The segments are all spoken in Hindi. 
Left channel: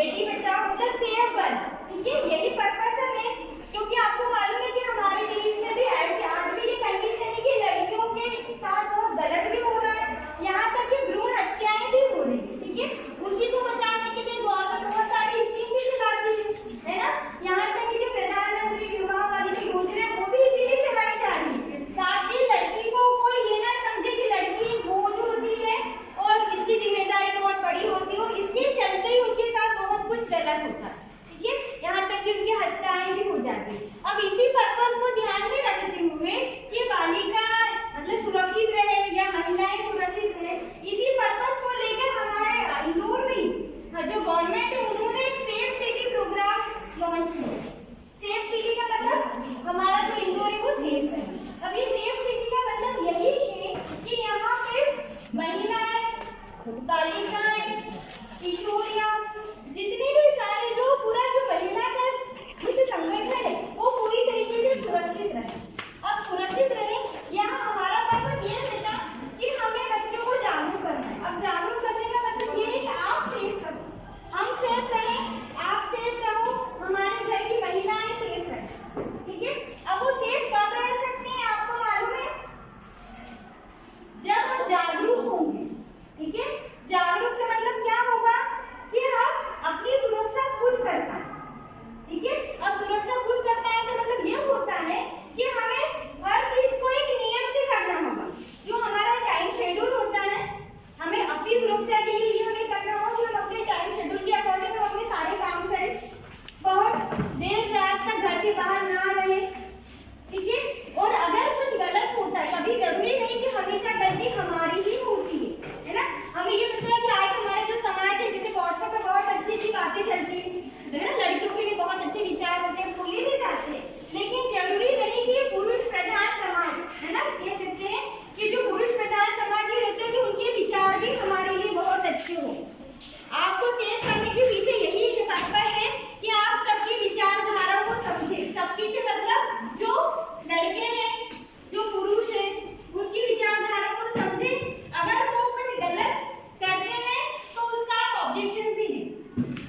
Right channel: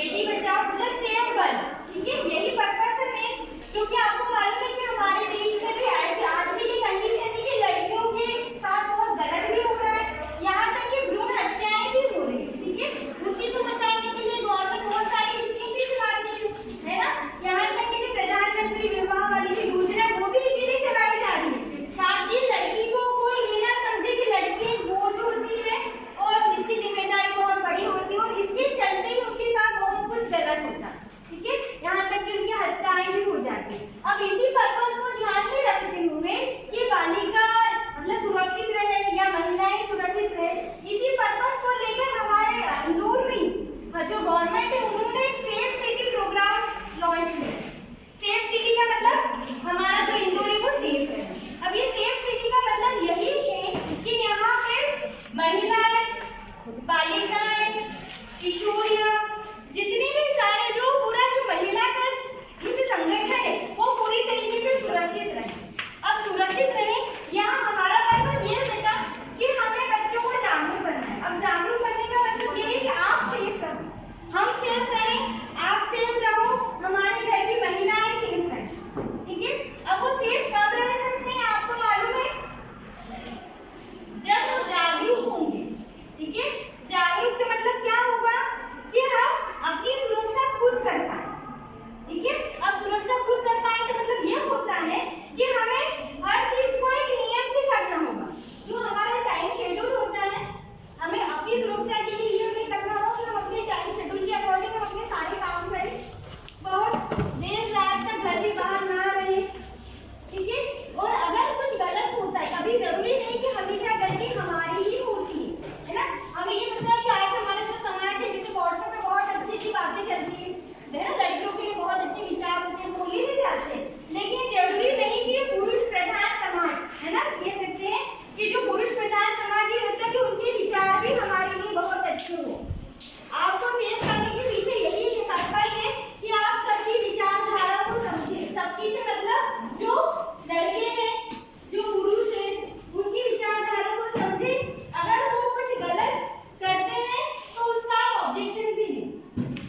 बेटी बचाओ मतलब सेव गर्ल, ठीक है, यही पर्पस है मेन। क्योंकि आपको मालूम है कि हमारे देश में भी ऐसे आज भी ये कंडीशन है कि लड़कियों के साथ बहुत गलत भी हो रहा है, यहाँ तक कि भ्रूण हत्याएं भी हो रही है, ठीक है। उसी को बचाने के लिए गवर्नमेंट बहुत सारी स्कीम भी चलाती है ना। यहाँ तक कि जो प्रधानमंत्री विवाह वाली जो योजना है वो भी इसीलिए चलाई जा रही है, ताकि लड़की को कोई ये ना समझे कि लड़की बोझ होती है और इसकी जिम्मेदारी बहुत बड़ी होती है, और इसके चलते ही उनके साथ बहुत कुछ गलत होता है, ठीक है, यहाँ तक कि उनकी हत्याएं भी हो जाती है। अब इसी पर्पस को ध्यान में रखते हुए कि बालिका मतलब सुरक्षित रहे या महिलाएं सुरक्षित रहे, इसी पर्पस को लेकर हमारे इंदौर में जो गवर्नमेंट है उन्होंने एक सेफ सिटी प्रोग्राम लॉन्च किया। सेफ सिटी का मतलब हमारा जो इंदौर है वो सेफ है। अब ये सेफ सिटी का मतलब यही है कि यहाँ पे महिलाएं, बालिकाएं, किशोरियां, जितने भी सारे जो पूरा जो महिला का हित संगठन है वो पूरी तरीके से सुरक्षित रहे। अब सुरक्षित रहे यहाँ हमारा पर्पस ये बेटा कि हमें बच्चों को जागरूक करना है। अब जागरूक करने का मतलब ये है कि आप सेफ रहो, हम सेफ रहें, आप सेफ रहो, हमारे घर की महिलाएं सेफ रहें, ठीक है। अब वो सेफ कब रह सकते हैं आपको मालूम है? जब हम जागरूक होंगे, ठीक है। जागरूक से मतलब क्या होगा कि हम अपनी सुरक्षा खुद कर पाए, ठीक है। अब सुरक्षा खुद कर पाए से मतलब ये होता है कि हमें हर चीज को एक नियम से करना होगा। जो हमारा टाइम शेड्यूल होता है, हमें अपनी सुरक्षा के लिए ये हमें करना होगा कि हम अपने टाइम शेड्यूल के अकॉर्डिंग हम अपने सारे काम करें, बहुत देर रात तक घर से बाहर ना रहे, ठीक है। और अगर कुछ गलत होता है, कभी जरूरी नहीं कि हमेशा गलती हमारी ही होती है ना। हमें ये पता है कि आज हमारा जो समाज है, जैसे व्हाट्सएप पे बहुत अच्छी अच्छी बातें चलती है ना, लड़कियों के लिए बहुत अच्छे विचार होते हैं, बोले भी जाते हैं, लेकिन जरूरी नहीं कि पुरुष प्रधान समाज है ना, ये कहते हैं कि जो पुरुष प्रधान समाज ये रहता है कि उनके विचार भी हमारे लिए बहुत अच्छे हो। आपको सेव करने के पीछे यही पर्पस है कि आप सबकी विचारधारा को समझे। सबकी से मतलब जो लड़के हैं, जो पुरुष है, उनकी विचारधारा को समझे। अगर वो कुछ गलत करते हैं तो उसका आप ऑब्जेक्शन भी दें।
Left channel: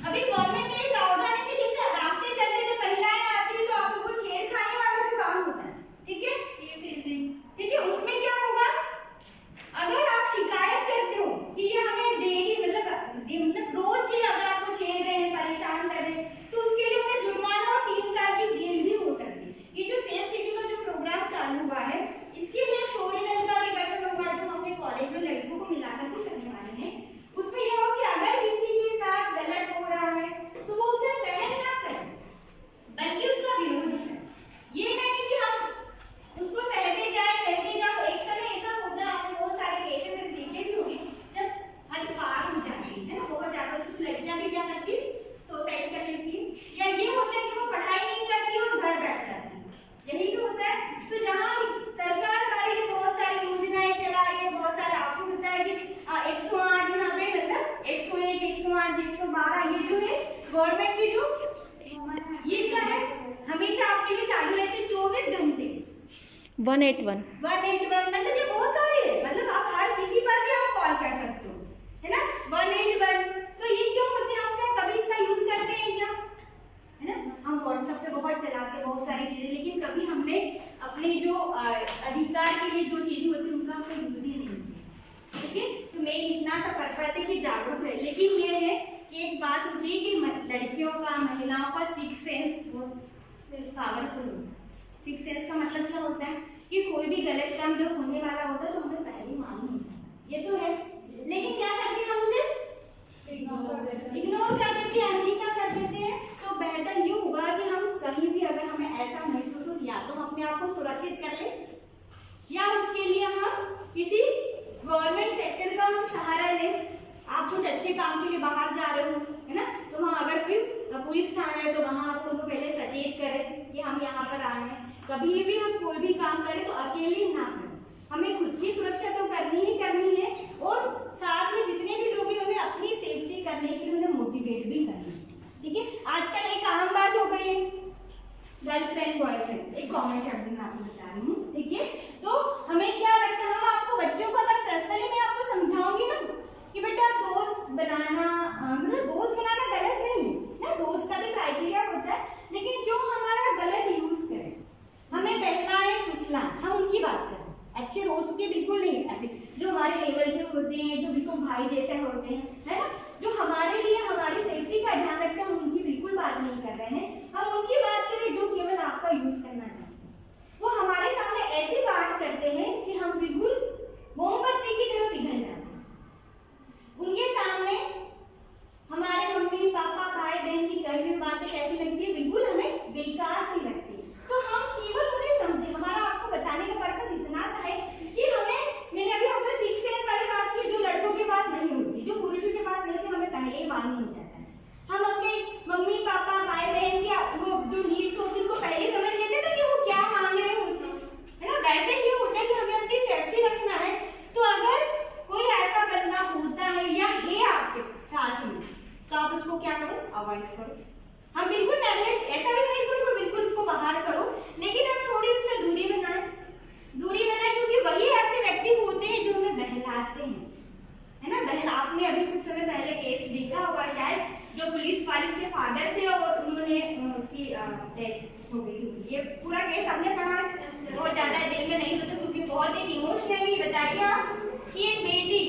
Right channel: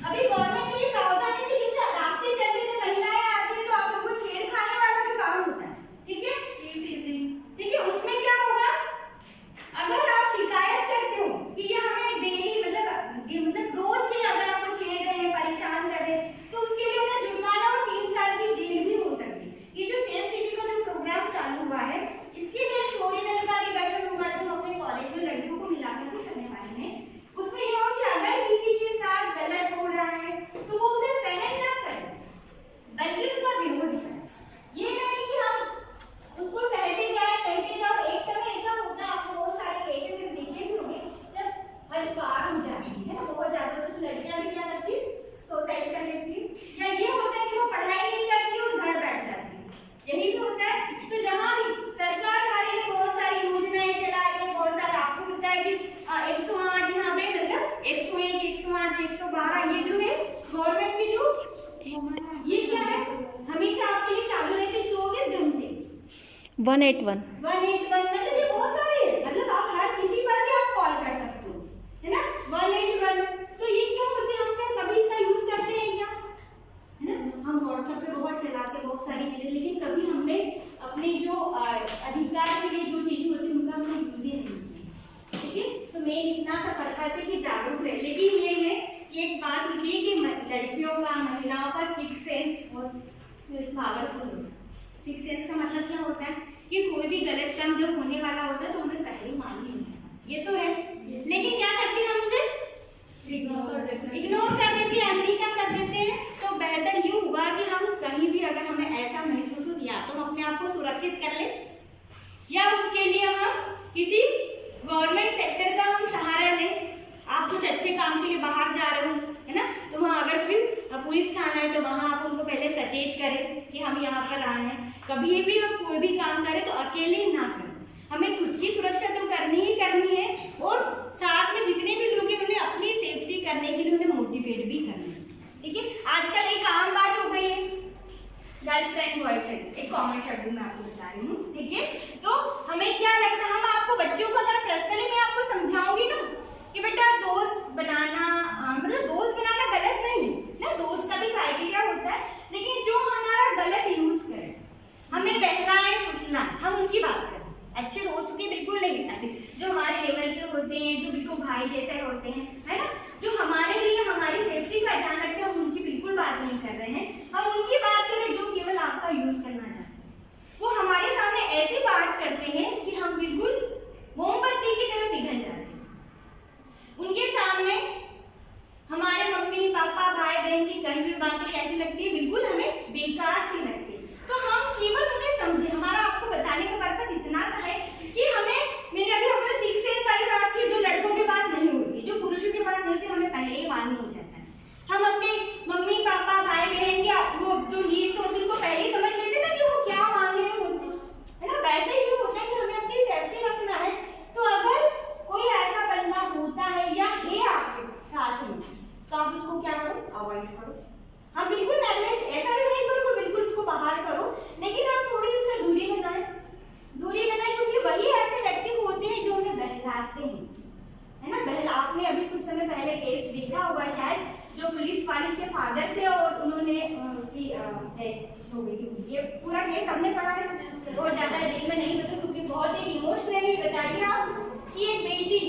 अभी गवर्नमेंट ने प्रावधान है कि जैसे रास्ते चलते थे महिलाएं आती है तो आप वो छेड़खानी वाला जो काम होता है, ठीक है, ठीक है, उसमें क्या होगा? अगर आप शिकायत करते हो कि ये हमें डेली मतलब रोज के अगर आपको छेड़ रहे हैं, परेशान कर रहे हैं, तो उसके लिए उन्हें जुर्माना और 3 साल की जेल भी हो सकती है। ये जो सेफ सिटी का जो प्रोग्राम चालू हुआ है, इसके लिए शौर्य दल का भी गठन होगा जो अपने कॉलेज में लड़कियों को मिलाकर भी करने वाले हैं। उसमें यह हो कि अगर किसी के साथ गलत हो रहा है तो वो उसे सहन ना करें, बल्कि उसका विरोध करें। ये नहीं कि हम उसको सहते जाओ। एक समय ऐसा होता है, आपने बहुत सारे केसेस देखे भी होंगे, जब हद पार हो जाती है ना, बहुत ज्यादा, तो लड़कियां भी क्या करती, सुसाइड कर लेती है, या ये होता है कि वो पढ़ाई नहीं करती और घर बैठ जाती है, यही भी होता है। तो जहाँ सरकार हमारे लिए बहुत सारी योजनाएं चला रही है, बहुत सारे, आपको पता है कि 108 यहाँ पे मतलब 101, 108, 112 ये जो है गवर्नमेंट की जो ये क्या है हमेशा आपके लिए चालू रहती 24 घंटे। 181 मतलब ये बहुत सारे है, मतलब आप हर किसी पर भी आप कॉल कर सकते हो, है ना। 181 तो ये क्यों होते हैं, हम क्या कभी इसका यूज करते हैं क्या, है ना। हम व्हाट्सएप पे बहुत चलाते हैं बहुत सारी चीजें, लेकिन कभी हमने अपने जो अधिकार के लिए जो चीजें होती है उनका हमने यूज ही नहीं किया, ठीक है। तो मैं इतना सा करता है कि जागरूक रहे, लेकिन ये है कि एक बात होती है कि लड़कियों का, महिलाओं का 6 सेंस बहुत पावरफुल होता है। 6 सेंस का मतलब क्या होता है कि कोई भी गलत काम जब होने वाला होता है तो हमें पहले ही मालूम हो जाता है, ये तो है, लेकिन क्या करते हैं हम उसे इग्नोर कर देते हैं, अनदेखा कर देते हैं। तो बेहतर ये होगा कि हम कहीं भी अगर हमें ऐसा महसूस हो, या तो हम अपने आप को सुरक्षित कर ले, या उसके लिए हम किसी गवर्नमेंट सेक्टर का हम सहारा लें। आप कुछ अच्छे काम के लिए बाहर जा रहे हो, है ना, तो वहाँ अगर कोई पुलिस थाना है तो वहाँ आप उनको पहले सचेत करें कि हम यहाँ पर आए हैं। कभी भी हम कोई भी काम करें तो अकेले ना करें, हमें खुद की सुरक्षा तो करनी ही करनी है, और साथ में जितने भी लोग हैं उन्हें अपनी सेफ्टी करने के लिए उन्हें मोटिवेट भी करना है, ठीक है। आजकल एक आम बात हो गई है गर्लफ्रेंड बॉयफ्रेंड, एक कॉमन शब्द मैं आपको बता रही हूँ, ठीक है। तो हमें क्या लगता है, हम आपको बच्चों को अगर पर्सनली मैं आपको समझाऊंगी ना कि बेटा दोस्त बनाना मतलब दोस्त बनाना गलत नहीं, मांगने हो जाता है। हम अपने मम्मी पापा भाई बहन की वो जो नीड्स होती है उनको पहले ही समझ लेते हैं ना कि वो क्या मांग रहे होते हैं, है ना। वैसे ही होता है कि हमें अपनी सेफ्टी रखना है। तो अगर कोई ऐसा बंदा होता है या है आपके साथ में, तो आप उसको क्या करो, अवॉइड करो। हम बिल्कुल नेगलेक्ट ऐसा भी नहीं करो कि बिल्कुल उसको बाहर करो, लेकिन हम थोड़ी उससे दूरी बनाएं, क्योंकि वही ऐसे व्यक्ति होते हैं जो हमें बहलाते हैं, है ना। आपने अभी कुछ समय पहले केस देखा होगा शायद, जो पुलिस वाले के फादर थे और उन्होंने उसकी डेथ हो गई थी। ये पूरा केस हमने पढ़ा है, बहुत ज्यादा डिटेल में नहीं होता क्योंकि बहुत एक इमोशनली बताइए आप कि एक बेटी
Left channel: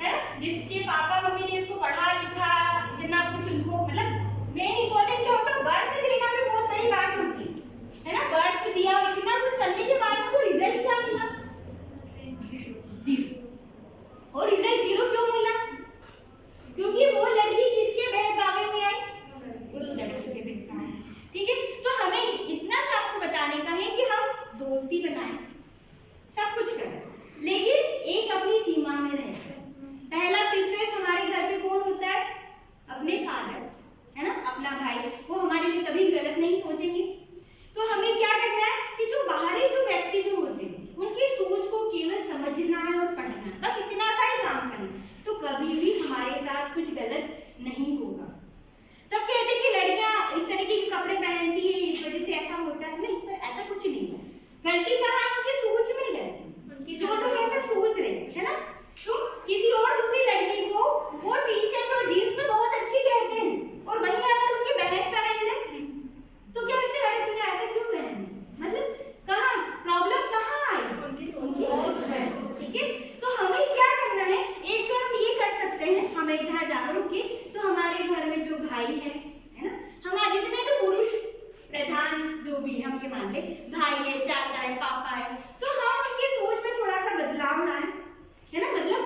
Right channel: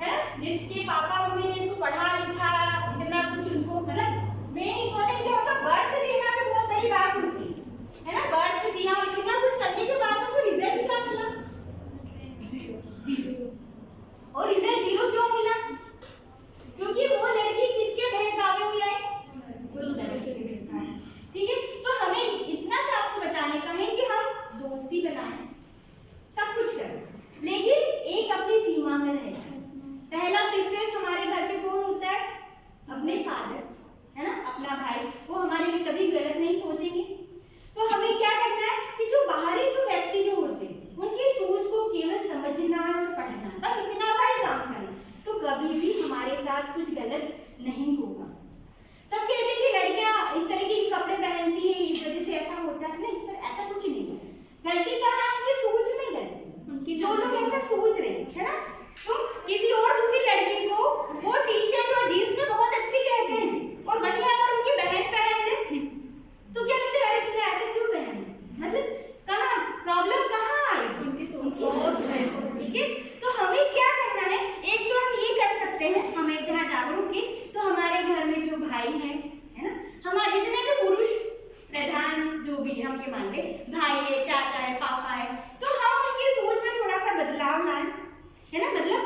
है ना जिसके पापा मम्मी ने इसको पढ़ा लिखा, इतना कुछ उनको मतलब मेन इम्पोर्टेंट क्या होता है, बर्थ देना भी बहुत बड़ी बात होती है ना। बर्थ दिया और इतना कुछ करने के बाद उनको रिजल्ट क्या मिला, 0। और रिजल्ट 0 क्यों मिला, क्योंकि वो लड़की किसके बहकावे में आई, ठीक है। तो हमें इतना सा आपको बताने का है कि हम दोस्ती बनाएं, सब कुछ करें, लेकिन एक अपनी सीमा में रहें। पहला प्रेफरेंस हमारे घर पे कौन होता है, अपने फादर, है ना, अपना भाई। वो हमारे लिए कभी गलत नहीं सोचेंगे। तो हमें क्या करना है कि जो बाहरी जो व्यक्ति जो होते हैं उनकी सोच को केवल समझना है और पढ़ना है, बस इतना सा ही काम करना, तो कभी भी हमारे साथ कुछ गलत नहीं होगा। सब कहते हैं कि लड़कियां इस तरीके के कपड़े पहनती है इस वजह से ऐसा होता है, नहीं, पर ऐसा कुछ नहीं है। गलती कहाँ है, उनकी सोच में गलती, जो लोग ऐसा सोच रहे हैं, है ना। तुम किसी और दूसरी लड़की को वो टी शर्ट और जीन्स में बहुत अच्छी कहते हैं और वहीं अगर उनकी बहन पहन ले तो क्या कहते हैं, अरे तूने ऐसे क्यों पहन, मतलब कहाँ प्रॉब्लम कहाँ आई, उनकी सोच में, ठीक है। तो हमें क्या करना है, एक तो हम ये कर सकते हैं, हमें जहाँ जागरूक है, तो हमारे घर में जो भाई है ना, हमारे जितने भी पुरुष प्रधान जो भी हम ये मान ले, भाई है, चाचा है, पापा है, तो हम उनकी सोच में थोड़ा सा बदलाव लाएं, है ना। मतलब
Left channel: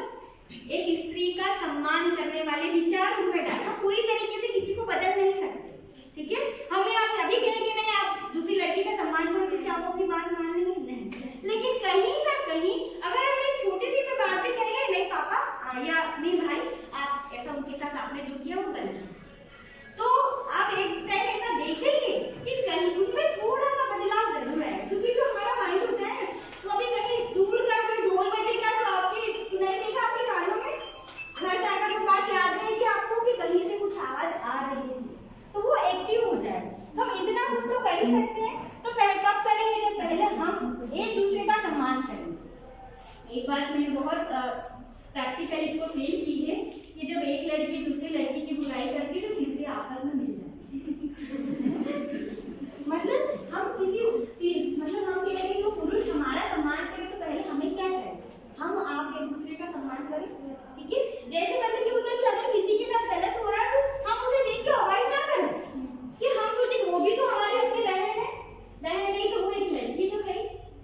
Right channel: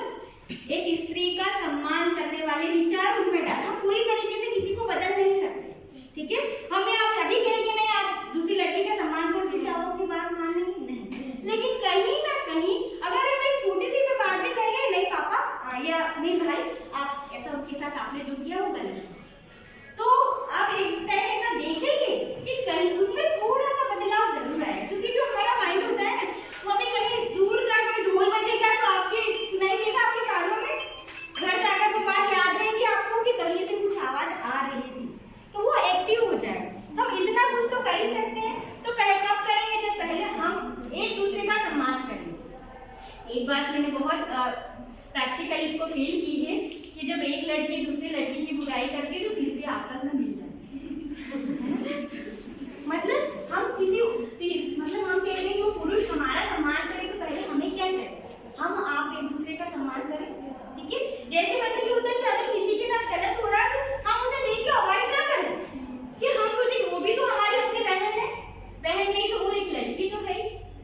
एक स्त्री का सम्मान करने वाले विचार उनमें डालें। हम पूरी तरीके से किसी को बदल नहीं सकते, ठीक है। हमें आप अभी कहेंगे नहीं आप दूसरी लड़की का सम्मान करो तो क्या वो अपनी बात मान लेंगे, नहीं, लेकिन कहीं ना कहीं अगर हम एक छोटी सी भी बात भी कहेंगे, नहीं पापा या नहीं भाई आप ऐसा उनके साथ आपने जो किया वो गलत है, तो आप एक टाइम ऐसा देखेंगे कि कहीं उनमें थोड़ा सा बदलाव जरूर आएगा। क्योंकि जो हमारा माइंड होता है ना, वो अभी कहीं दूर का कोई ढोल बजेगा तो आपके सुनाई देगा आपके कानों में, घर जाकर वो बात याद रहेगी आपको कि कहीं से कुछ आवाज आ रही थी, तो वो एक्टिव हो जाएगा। हम इतना कुछ तो कर ही सकते हैं। तो पहले कब करेंगे, जब पहले हम एक दूसरे का सम्मान करेंगे। एक बात मैंने बहुत प्रैक्टिकली इसको फील की है कि जब एक लड़की दूसरी लड़की की बुराई करती है तो तीसरी आपस में मिल जाती है। मतलब हम कहते हैं कि वो पुरुष हमारा सम्मान करे, तो पहले हमें क्या चाहिए, हम आप एक दूसरे का सम्मान करें, ठीक है। जैसे मतलब ये होता है कि अगर किसी के साथ गलत हो रहा है तो हम उसे देख के अवॉइड ना करें, कि हम सोचे वो भी तो हमारी अपनी बहन है, बहन नहीं तो वो एक लड़की तो है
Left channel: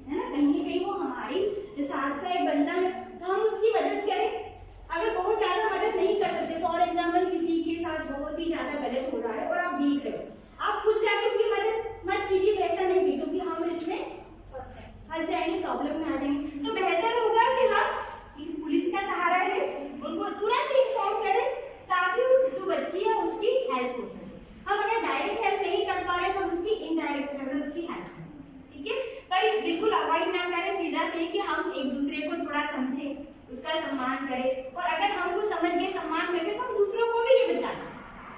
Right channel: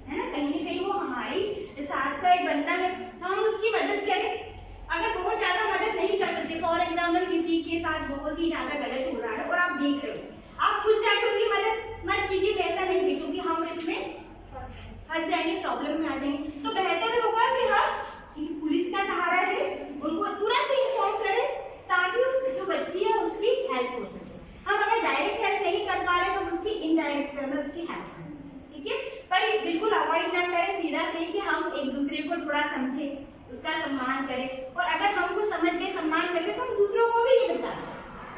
ना, कहीं ना कहीं वो हमारी साथ का एक बंदा है, तो हम उसकी मदद करें। अगर बहुत ज्यादा मदद नहीं कर सकते, फॉर एग्जाम्पल किसी के साथ बहुत ही ज्यादा गलत हो रहा है और आप देख रहे हो, आप खुद जाकर उनकी मदद मत कीजिए, ऐसा नहीं कीजिए, क्योंकि हम इसमें फंस जाएंगे, प्रॉब्लम में आ जाएंगे। तो बेहतर होगा कि हम पुलिस का सहारा लें, उनको तुरंत इन्फॉर्म करें ताकि उस जो बच्ची है उसकी हेल्प हो सके। हम अगर डायरेक्ट हेल्प नहीं कर पा रहे तो हम उसकी इनडायरेक्ट वे में उसकी हेल्प करें, ठीक है। पर बिल्कुल अवॉइड ना करें, सीधा सही कि हम एक दूसरे को थोड़ा समझें, उसका सम्मान करें, और अगर हम कुछ समझ गए सम्मान करके तो हम दूसरों को भी ये बताएं,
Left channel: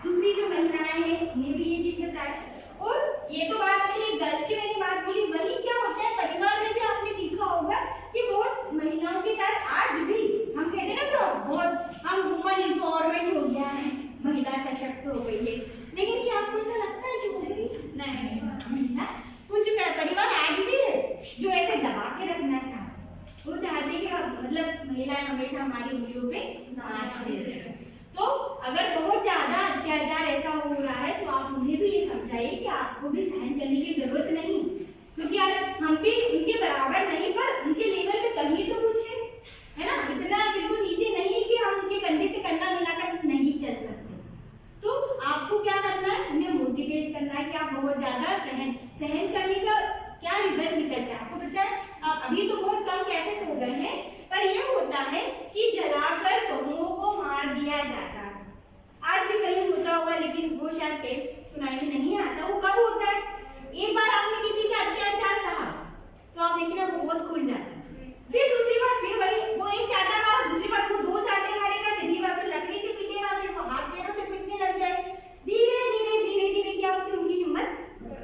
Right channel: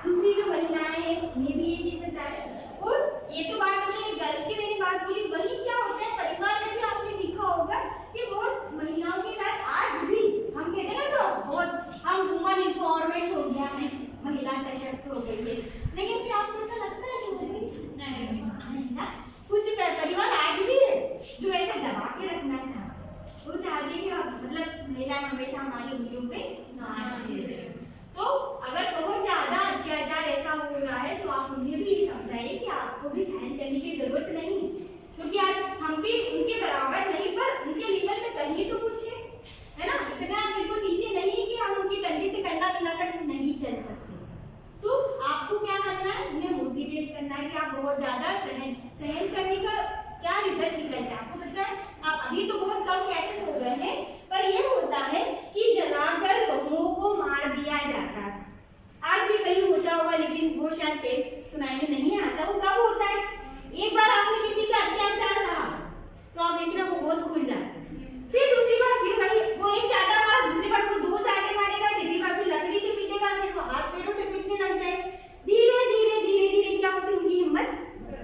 दूसरी जो महिलाएं हैं उन्हें भी ये चीज बताएं। और ये तो बात है गर्ल्स की मैंने बात बोली, वही क्या होता है परिवार में भी आपने देखा होगा कि बहुत महिलाओं के साथ आज भी हम कहते हैं ना, तो बहुत हम वुमन एम्पावरमेंट हो गया है, महिला सशक्त हो गई है, लेकिन क्या आपको ऐसा लगता है कि हो गई नहीं? कुछ परिवार आज भी है जो ऐसे दबा के रखना चाहते, वो चाहते कि मतलब महिलाएं हमेशा हमारी उंगलियों पे नाच। तो अगर बहुत ज्यादा अत्याचार ऐसा हो रहा है तो आप उन्हें भी ये समझाइए कि आपको भी सहन करने की जरूरत नहीं, क्योंकि हम भी उनके बराबर नहीं, पर उनके लेवल पे कहीं तो कुछ है ना, इतना बिल्कुल नीचे नहीं कि हम उनके कंधे से कंधा मिलाकर नहीं चल सकते। तो आपको क्या करना है, उन्हें मोटिवेट करना है कि आप बहुत ज्यादा सहन करने का क्या रिजल्ट निकलता है आपको पता है। आप अभी तो बहुत कम केसेस हो गए हैं, पर यह होता है कि जलाकर बहुओं को मार दिया जाता है, लेकिन वो शायद केस सुनाई में नहीं आता। वो कब होता है, एक बार आपने किसी का अत्याचार सहा तो आप देखना वो बहुत खुल जाता है। फिर दूसरी बार फिर वही वो एक चाटा मार, दूसरी बार वो 2 चाटे मारेगा, तीसरी बार फिर लकड़ी से पीटेगा, फिर वो हाथ पैरों से पीटने लग जाए। धीरे धीरे धीरे धीरे क्या होती है, उनकी हिम्मत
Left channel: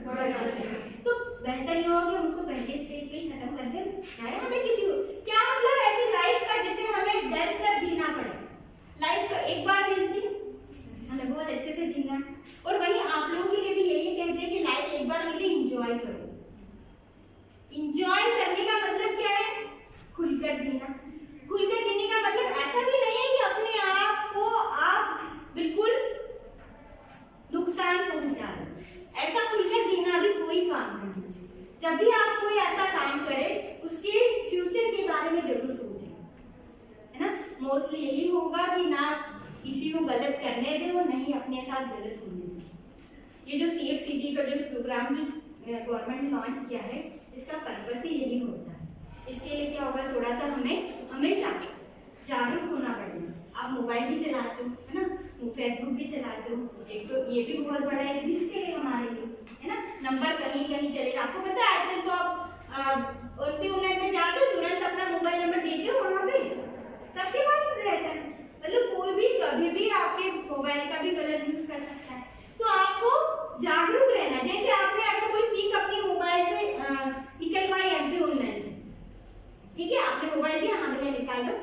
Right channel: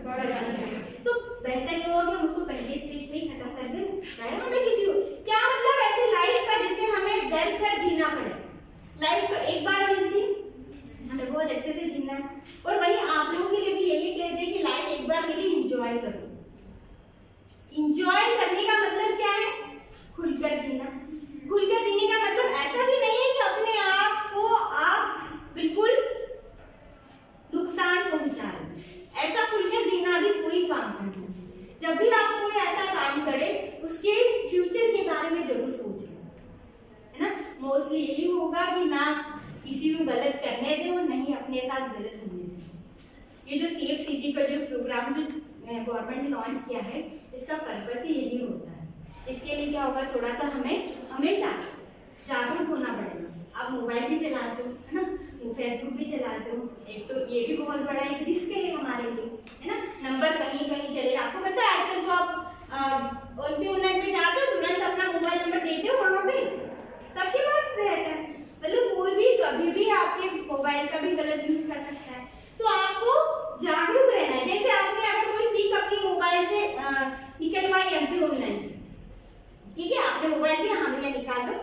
बढ़ जाती है। तो बेहतर ये होगा कि उसको पहले स्टेज पे ही खत्म कर दें, चाहे हमें किसी क्या मतलब ऐसी लाइफ का जिसे हमें डर कर जीना पड़े। लाइफ को एक बार मिलती हमें बहुत अच्छे से जीना है। और वही आप लोगों के लिए भी यही कहते हैं कि लाइफ एक बार मिली, एंजॉय करो। एंजॉय करने का मतलब क्या है, खुलकर जीना। खुलकर जीने का मतलब ऐसा भी नहीं है कि अपने आप को आप बिल्कुल नुकसान पहुंचा रहे। ऐसा खुलकर जीना भी कोई काम नहीं है। जब भी आप कोई ऐसा काम करें उसके फ्यूचर के बारे में जरूर सोचें, है ना। मोस्टली यही होगा कि ना किसी को गलत करने दें और नहीं अपने साथ गलत होने दें। ये जो सेफ सिटी का जो प्रोग्राम जो गवर्नमेंट ने लॉन्च किया है, इसका पर्पस ही यही होता है। इसके लिए क्या होगा, थोड़ा सा हमें हमेशा जागरूक होना पड़ेगा। आप मोबाइल भी चलाते हो, है ना, फेसबुक भी चलाते हो, एक तो ये भी बहुत बड़ा एक रिस्क है हमारे लिए, है ना। नंबर कहीं कहीं चलेगा, आपको पता है आजकल तो आप ऑनलाइन में जाते हो, तुरंत अपना मोबाइल नंबर देते हो, वहाँ पे सबके पास रहता है। मतलब कोई भी कभी भी आपके मोबाइल का भी गलत यूज कर सकता है। तो आपको जागरूक रहना है। जैसे आपने अगर कोई पिक अपनी मोबाइल से निकलवाई MP ऑनलाइन से, ठीक है, आपने मोबाइल दिया, हाँ भैया निकाल लो,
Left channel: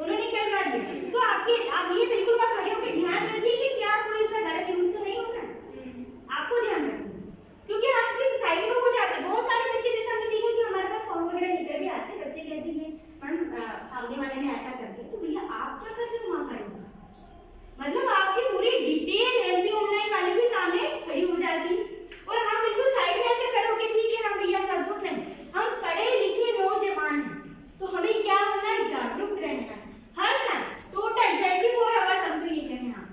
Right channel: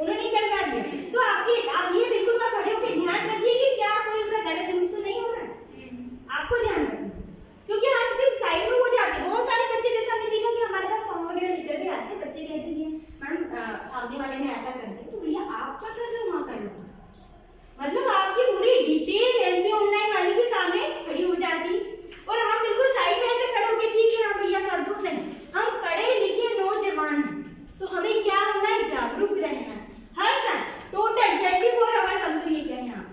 उन्होंने निकलवा दिया, तो आप ये बिल्कुल खड़े होकर ध्यान रखिए कि क्या कोई उसका गलत यूज तो नहीं हो रहा है। आपको ध्यान रखना, क्योंकि हम सिर्फ साइड में हो जाते हैं। बहुत सारे बच्चे जैसे हमने देखा कि हमारे पास फॉर्म वगैरह लेकर भी आते हैं, बच्चे कहते हैं मैडम सामने वाले ने ऐसा कर दिया, तो भैया आप क्या कर रहे हो वहाँ खड़े हो। मतलब आपकी पूरी डिटेल MP ऑनलाइन वाले के सामने खड़ी हो जाती और हम बिल्कुल साइड में ऐसे खड़े होकर ठीक है हाँ भैया कर दो। नहीं, हम पढ़े लिखे नौजवान हैं, तो हमें क्या होना है, जागरूक रहना है। हर टाइम टोटल 24 आवर्स हम तो ये कहें यहाँ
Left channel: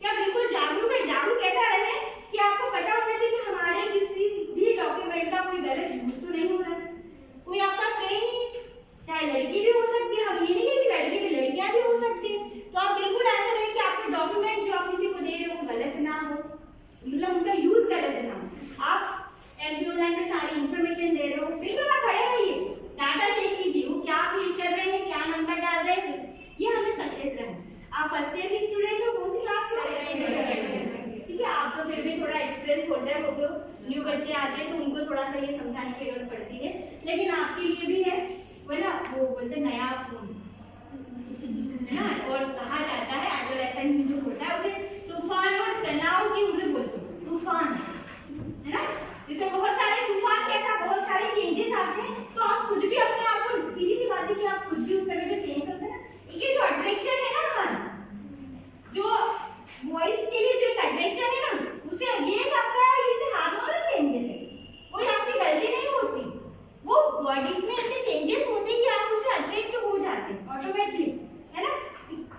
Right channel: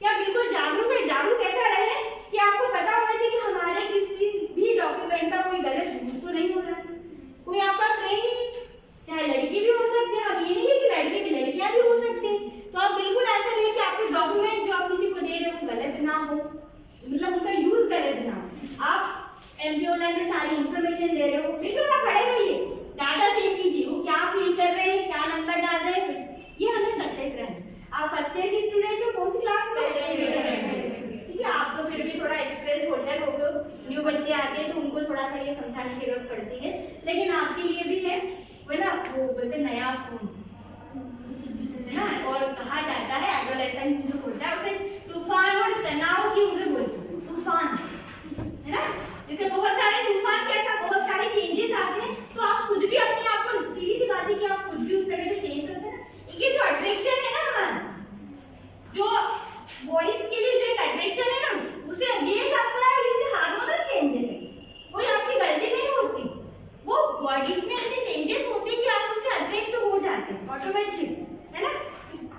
क्या बिल्कुल जागरूक है। जागरूक ऐसा रहे कि आपको पता होना चाहिए कि हमारे किसी भी डॉक्यूमेंट का कोई गलत यूज तो नहीं हो रहा है। कोई आपका फ्रेंड ही, चाहे लड़की भी हो सकती है, हम ये नहीं है कि लड़के भी लड़कियां भी हो सकती हैं, तो आप बिल्कुल ऐसा रहे कि आपके डॉक्यूमेंट जो आप किसी को दे रहे हो गलत ना हो, मतलब उनका यूज गलत ना हो। आप MP ऑनलाइन में सारी इंफॉर्मेशन दे रहे हो, बिल्कुल वहाँ खड़े रहिए, डाटा चेक कीजिए वो क्या फिल कर रहे हैं, क्या नंबर डाल रहे हैं, ये हमें सचेत रहना। आप फर्स्ट ईयर की स्टूडेंट हो, कौन सी क्लास में, ठीक है, आप तो फिर भी थोड़ा एक्सप्रेस होल्डर हो गए, न्यू बच्चे आते हैं तो उनको थोड़ा सा ये समझाने की जरूरत पड़ती है, लेकिन आपके लिए भी है वो ना, वो बोलते नया खून, है ना। और कहा जाता है एडोलेसेंट जो होता है उसे तूफान और तनाव की उम्र बोलते हैं, तूफान, है ना। जैसे बहुत सारे तूफान के साथ बहुत सारे चेंजेस आते हैं, तो आप खुद भी अपने आप को, सीधी सी बात है कि आप खुद भी उस समय पे चेंज करते हैं ना। ये जो अट्रैक्शन है ना हमारा, जो वॉइस के लिए जो एक अट्रैक्शन है ना, उसे ये आपका ये हार्मोनल चेंजेस है, कोई आपकी गलती नहीं होती, वो बॉडी में ऐसे चेंजेस होते हैं कि आप उससे अट्रैक्ट हो जाते हैं ऑटोमेटिकली, है ना।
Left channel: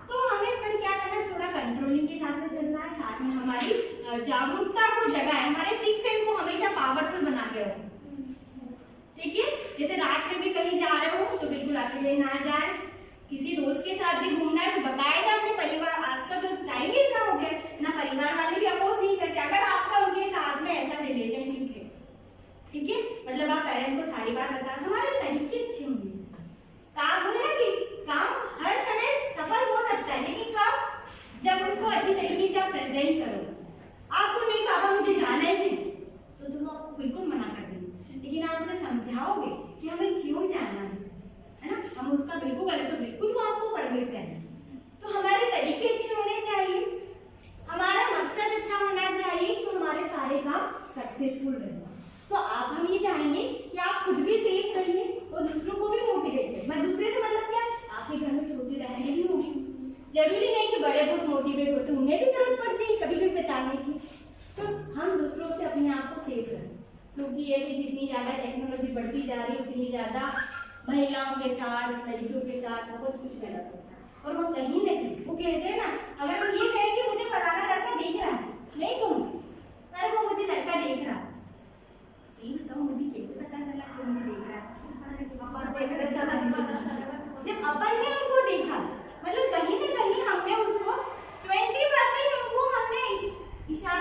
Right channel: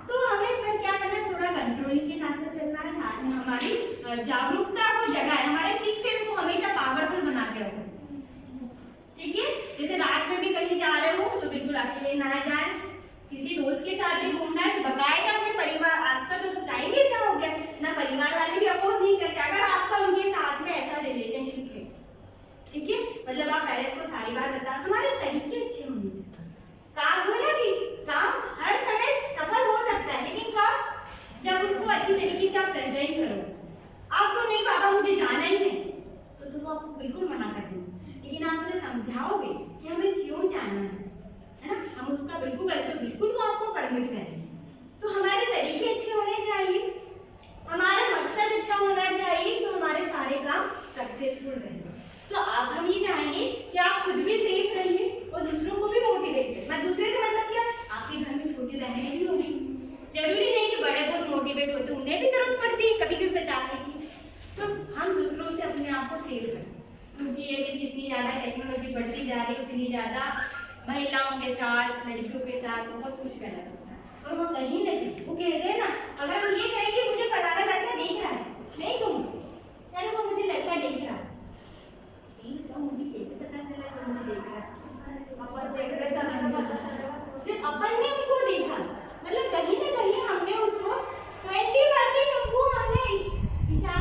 तो हमें पर क्या करना है, थोड़ा कंट्रोलिंग के साथ में चलना है, साथ में हमारी जागरूकता को जगाए, हमारे सिक्स सेंस को हमेशा पावरफुल बना के रखें, ठीक है। जैसे रात में भी कहीं जा रहे हो तो बिल्कुल अकेले ना जाए, किसी दोस्त के साथ भी घूमना है तो बकायदा अपने परिवार, आजकल तो टाइम ऐसा हो गया ना, परिवार वाले भी अपोज नहीं करते अगर आपका उनके साथ में ऐसा रिलेशनशिप है, ठीक है। मतलब आप पेरेंट्स को सारी बात बता, हमारे तरीके अच्छे होंगे, काम हुए ना कि काम हर समय सफल हो सकता है, लेकिन काम जब उसको अच्छी तरीके से आप प्रेजेंट करो। आपको नहीं पापा मुझे जाना ही है तो वो आपको बिल्कुल मना कर देंगे, लेकिन आप उसे समझाओगे कि हमें क्यों जाना है ना, हम उसका बिल्कुल करें तो बिल्कुल वो आपको परमिट करें। तो हमारे तरीके अच्छे होने चाहिए, हमारा मकसद अच्छा होना चाहिए, तो हमारे सारे काम सक्सेसफुल रहेंगे। तो आप हम ये चाहेंगे कि आप खुद भी सेफ रहिए और दूसरों को भी मोटिवेट करें। मैं दूसरे से मतलब क्या, आपके घर में छोटी बहनें भी होगी, जरूरी नहीं कि बड़े बहुत मोटिवेट होते, उन्हें भी जरूरत पड़ती है कभी कभी बताने की। तो हम दूसरों से अपने आप को सेफ करें, क्योंकि ये कि जितनी ज़्यादा टेक्नोलॉजी बढ़ती जा रही है उतनी ज़्यादा महिलाओं के साथ, लड़कियों के साथ बहुत कुछ गलत होता है। और वो कहीं नहीं, वो कहते हैं ना, अगर हम ये कहें कि मुझे फलाना लड़का देख रहा है, नहीं कहूँ अरे वो मुझे लड़का देख रहा है, ये बताओ मुझे कैसे पता चला कि मुझे देख रहा है, जब अपन ने उनको देखा, मतलब कहीं ना कहीं हमने उसको 20% उनको हमने इशारा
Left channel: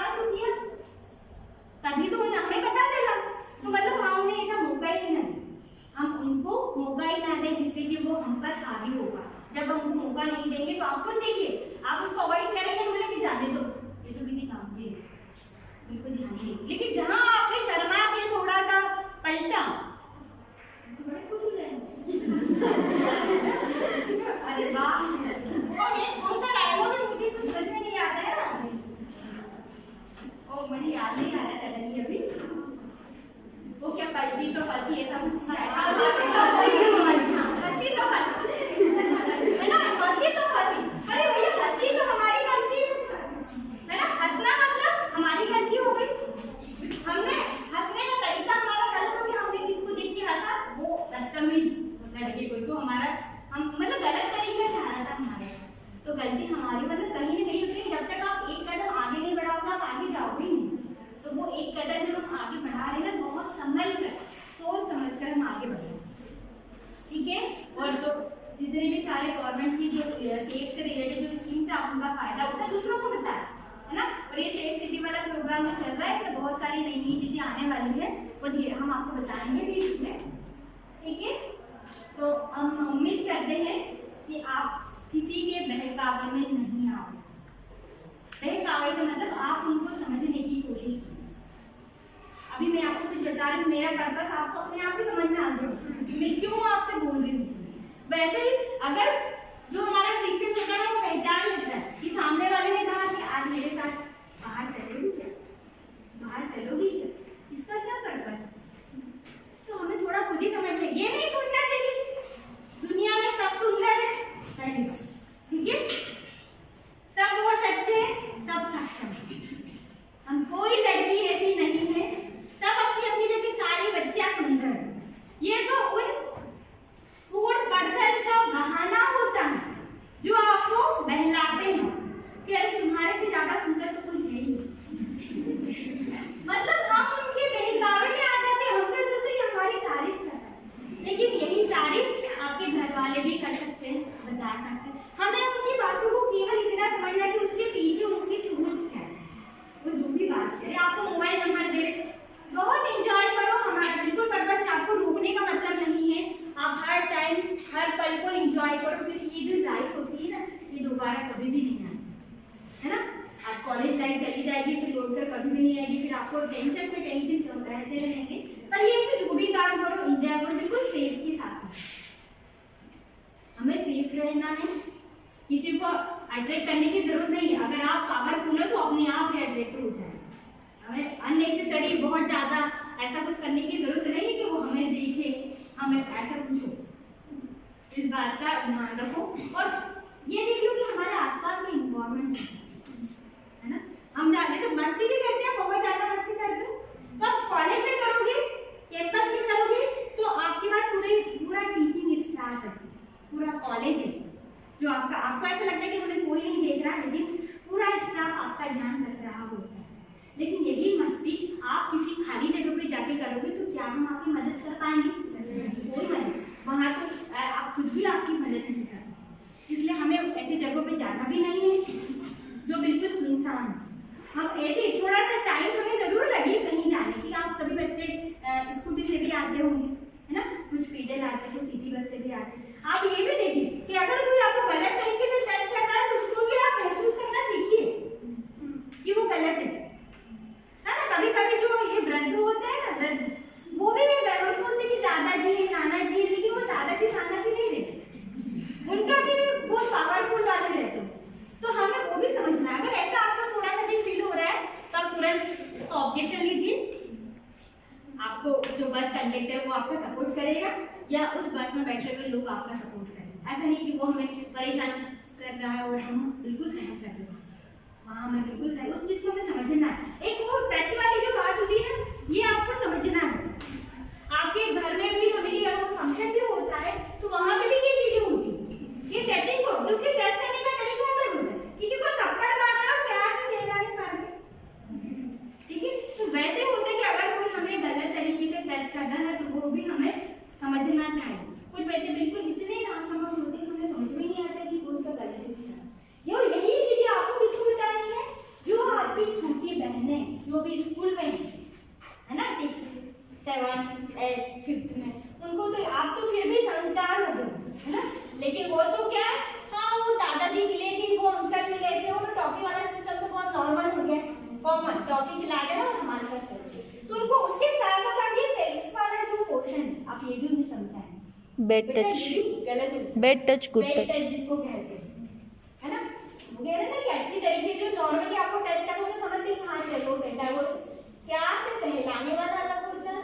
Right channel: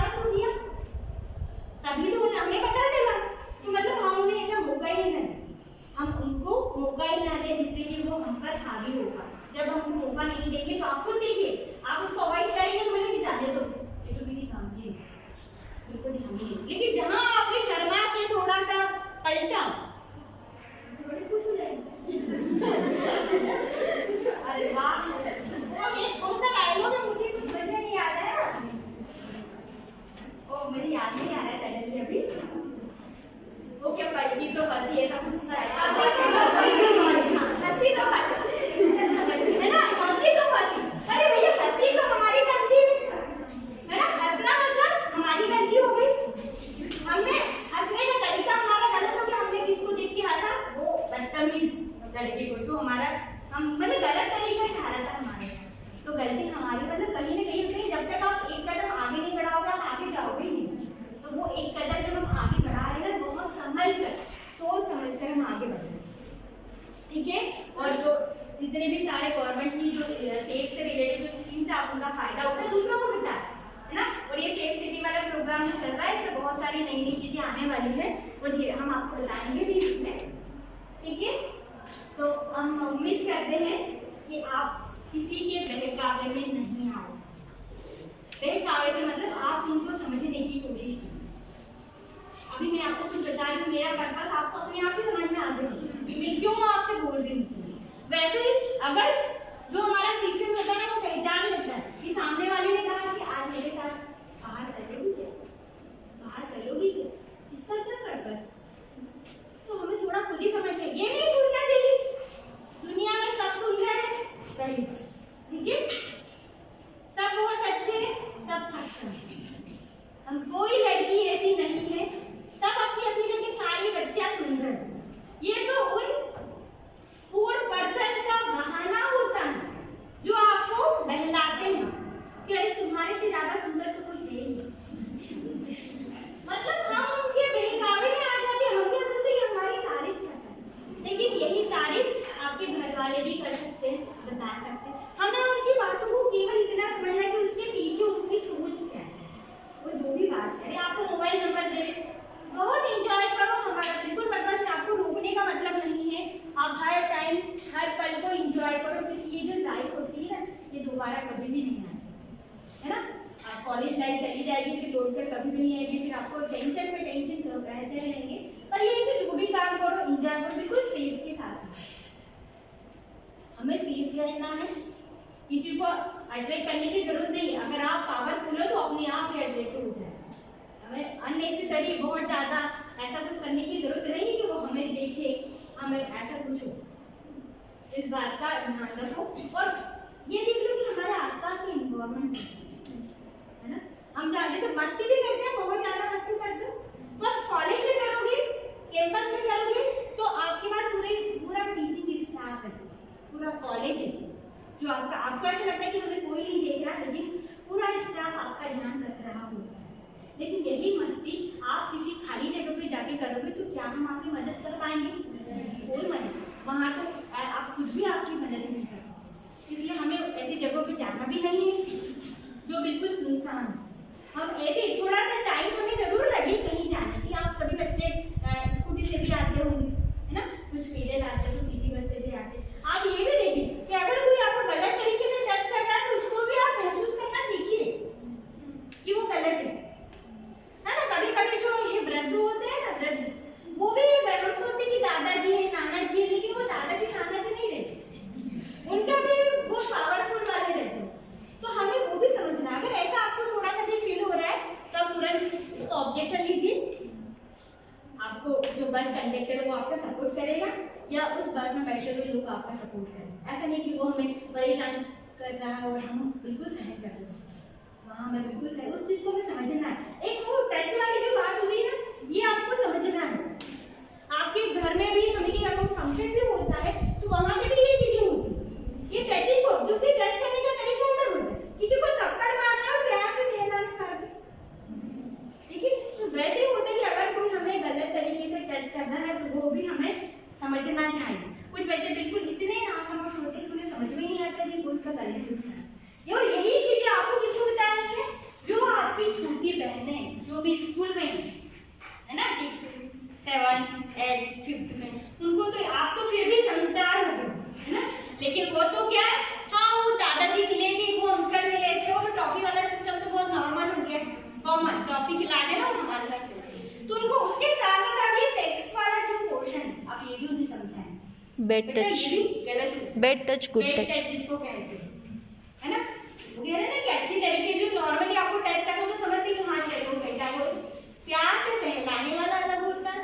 वो हम आपको बताएंगे भी इसमें, ठीक है। तो हम उम्मीद करते हैं कि आप किसी के बहकावे में नहीं आओ। बहकावे से मतलब आप उनको समझने की कोशिश कीजिए। अभी मैं आपको कुछ बता रही हूँ, मेरा पर्पस आपको अपने आप ही समझ में आ जाए मैं क्यों आपसे बोल रही हूँ। वैसे अगर जो हमारा शिक्षक होता है ना वो पहचान लेता है कि सामने वाले ने कहा कि आज मेरे साथ बाहर चलोगी क्या, बाहर चलोगी क्या, इसका क्या पर्पस है, तो हमें थोड़ा खुद ही समझना। ये नहीं सोचना चाहिए दुनिया में सब सुंदर है, सही, ठीक है, सब बहुत अच्छे हैं, सब सक्षम है, हम कोई लड़की ऐसी नहीं है, सब अपनी अपनी जगह सारी बच्चियां सुंदर है। ये तो उन 4% का बहाना होता है जो आपको बहलाते हैं कि अरे तुम्हारे से ज्यादा सुंदर तो कोई है ही मतलब हम उनके बहकावे में आ जाते हैं, हम क्या सोचते हैं हमारी तारीफ करता है, लेकिन यही तारीफ आपके घर वाले भी कर सकते हैं, बता सकते हैं। हमें उनकी बातों को केवल इतना समझना कि उसके पीछे उनकी सोच क्या है, वो जो भी बात है। आपको मोबाइल नंबर दे, बहुत एंजॉय करो, हमारा बिल्कुल पर्पस है, आपको रोकने का मतलब नहीं है, आप हर टाइम हर पल को एंजॉय करो, क्योंकि ये जो लाइफ होती है ना ये दोबारा कभी भी नहीं आती है ना। आप कॉलेज लाइफ चली जाएगी फिर लौट कर कभी भी नहीं आएगी, फिर आपको टेंशन पे टेंशन रहते रहेंगे। पर ये कि जो भी काम करो एंजॉय करो, बिल्कुल सेफ के साथ। हमें सेफ रहना है, किसी को अट्रैक्ट करने की जरूरत नहीं है। अगर आप पावरफुल हो तो अपने आप ही अट्रैक्ट हो जाए। हमें अननेसेसरी बहुत ज्यादा ऐसा कुछ करने की जरूरत नहीं है कि वो हमें देखे, हमें ऐसा कुछ हो। इस बात का ध्यान रखो और ये देख लो कि हमारे आसपास में इन्वायरमेंट है ना, हम जाके तो मस्ती भी करते हैं, बहुत ज्यादा मस्ती करते हो, तो आप कॉलेज में करोगे, कैंपस में करोगे तो आपके पास पूरा टीचिंग स्टाफ है, पूरा कॉलेज है जो आपको ऐसा लगता है कि हमें कोई नहीं देख रहा, लेकिन पूरा स्टाफ आपका ध्यान रख रहा होता है। लेकिन यही मस्ती आप किसी खाली जगह पे जाके करोगे तो क्या हम आपकी मदद कर पाएंगे? कोई मदद, वहाँ तो आप खुद भी आपकी मदद नहीं कर पाओगे। इसलिए हमें ऐसी जगहों पे जाना भी नहीं है जो बिल्कुल सुनसान है। हम ऐसे थोड़ा सा टाइम हमें जरूर लगे कहीं जाने की। आप सभी बच्चे स्कूटी से भी आते होंगे है ना, कुछ पैदल आते हैं, कुछ सिटी बस से भी आते हैं। आप ये भी देखिए कि अगर कोई आपको गलत तरीके से टच करता है तो उसको भी आप महसूस करना सीखिए कि वो गलत है ना। कभी कभी जो ये वृद्ध होते हैं ना, वृद्ध वो भी गलत होते कि दादाजी है, नाना जी है, लेकिन वो दादाजी नाना जी नहीं रहते, उनका भी वो पावरफुल वाले रहते हैं। तो हमें वो भी समझना है। अगर ऐसा आपको थोड़ा सा भी फील हो रहा है तो आप तुरंत उसका ऑब्जेक्शन लीजिए। आपको जो बस कंडक्टर वो आपका सपोर्ट करेगा या उस बस में बैठे हुए लोग आपका सपोर्ट करेंगे। ऐसा नहीं कि वो हमें परेशान कर रहा है और हम बिल्कुल सहन कर रहे हैं, वहाँ हमें बिल्कुल सही उस चीज को हमें समझना है। एक वो टच वाली जो बात होती है ना, ये आपको समझना है। आपके घर में भी हमें अगर फंक्शन भी होता है तो वहाँ पे भी ये चीजें होती है, ये टचिंग हो, क्योंकि टच करने का तरीका अलग होता है। किसी को थप्पड़ मारना और प्यार से सहना कर दे, ठीक है। तो वैसे होता है कि अगर कोई हमें गलत तरीके से टच करना है तो वो भी हमें समझना चाहिए। कुछ बच्चे बिल्कुल इतने नासमझ होते हैं कि उन्हें समझ में ही नहीं आता कि कोई का गलत यूज करना है। और यही चीजें आपको किसको बतानी है? जो आपकी छोटी बहनें जो भी स्कूल में है ना, 6, 7, 8, 5th में, उनको तो आप तो फिर भी समझदार हो गए है ना, लेकिन वो तो क्या है, हाँ वो दादाजी मिले थे, वो अंकल मिले थे, और टॉफी वाला सिस्टम तो बहुत नॉर्मल हो गया, कॉमन टॉफी खिला के ना हमारे साथ चलते। तो उनको उसके साथ साथ आप ये सेक्स वाला जो पोर्शन आप ये भी उन्हें समझाएं। Bad touch, bad touch, good touch जिसको कहते हैं है ना, वो कह रहे हैं ना कि अच्छी तरीके जो नॉर्मली आपको टच करते तो समझते कि हाँ चलो बेटा, वो प्यार से सहलाने वाला अलग होता है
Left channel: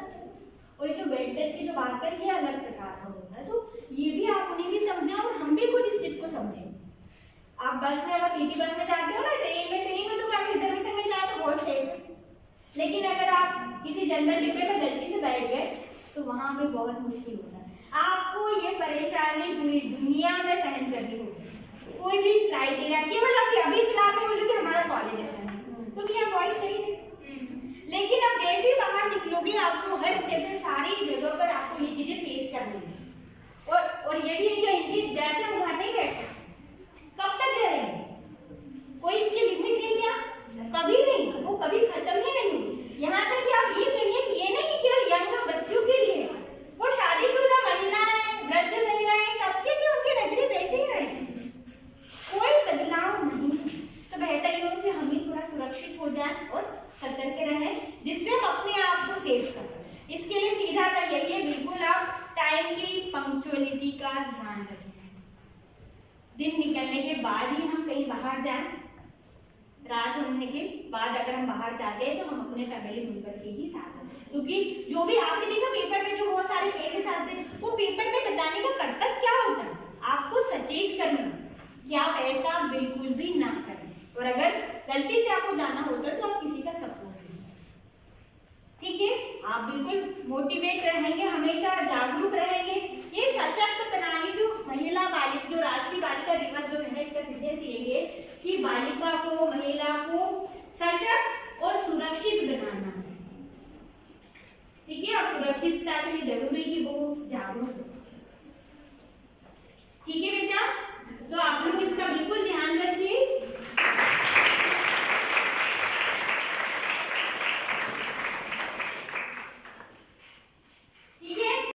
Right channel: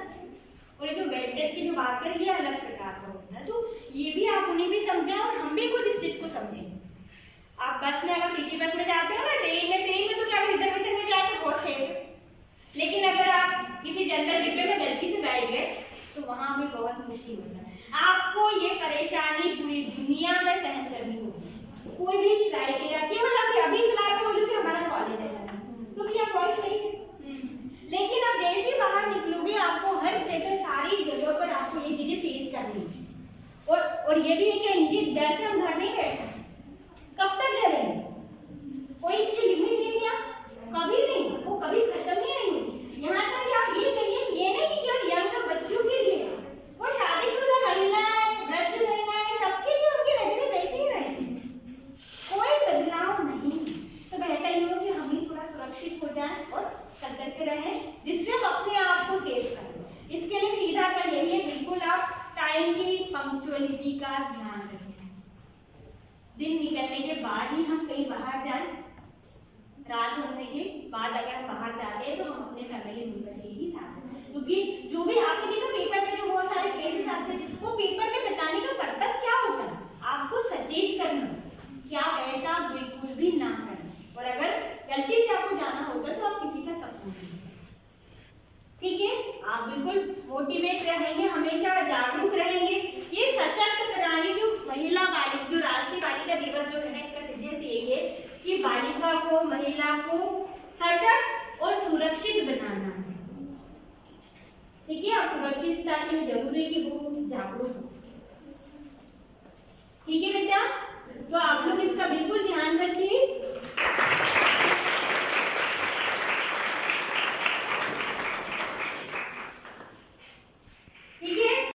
और जो बैड टच की जो बात कर ये अलग प्रकार का होता है। तो ये भी आप उन्हें भी समझाएं और हम भी खुद इस चीज को समझें। आप बस में अगर सिटी बस में जाते हो ना, ट्रेन में तो क्या रिजर्वेशन में जाए तो बहुत सेफ है, लेकिन अगर आप किसी जनरल डिब्बे में गलती से बैठ गए तो वहां भी बहुत मुश्किल होता है। आपको ये परेशानी पूरी दुनिया में सहन करनी होगी। कोई भी क्राइटेरिया केवल अभी फिलहाल में बोलो कि हमारा कॉलेज है क्योंकि यहाँ बॉयज नहीं है, लेकिन अब जैसे ही बाहर निकलोगे आपको हर जगह सारी जगह पर आपको ये चीजें फेस करनी है। और ये भी है कि इनकी डर से हम घर नहीं बैठ सकते। कब तक डरेंगे? कोई इसकी लिमिट है क्या? कभी नहीं, वो कभी खत्म ही नहीं होगी। यहाँ तक कि आप ये कहिए कि ये नहीं कि रहें जिससे हम अपने आप को सेव करें। इसके लिए सीधा सा यही है, बिल्कुल आप टाइम की पंक्चुअलिटी का ध्यान रखें। दिन निकलने के बाद ही हम कहीं बाहर जाएं, रात होने के बाद अगर हम बाहर जाते हैं तो हम अपने फैमिली मेंबर के ही साथ हैं, क्योंकि जो भी आपने देखा पेपर में जो बहुत सारे केसेस आते हैं वो पेपर में बताने का पर्पस क्या होता है, आपको सचेत करना कि आप ऐसा बिल्कुल भी ना करें, और अगर गलती से आपको जाना होता है तो आप किसी का सपोर्ट लीजिए। ठीक है, आप बिल्कुल मोटिवेट रहेंगे, हमेशा जागरूक रहेंगे। ये सशक्त प्रणाली जो महिला बालिका, जो राष्ट्रीय बालिका दिवस जो है, इसका सिद्धांत यही है कि बालिका को, महिला को सशक्त और सुरक्षित बनाना है। ठीक है, अब सुरक्षितता के लिए जरूरी है कि वो जागरूक हो। ठीक है।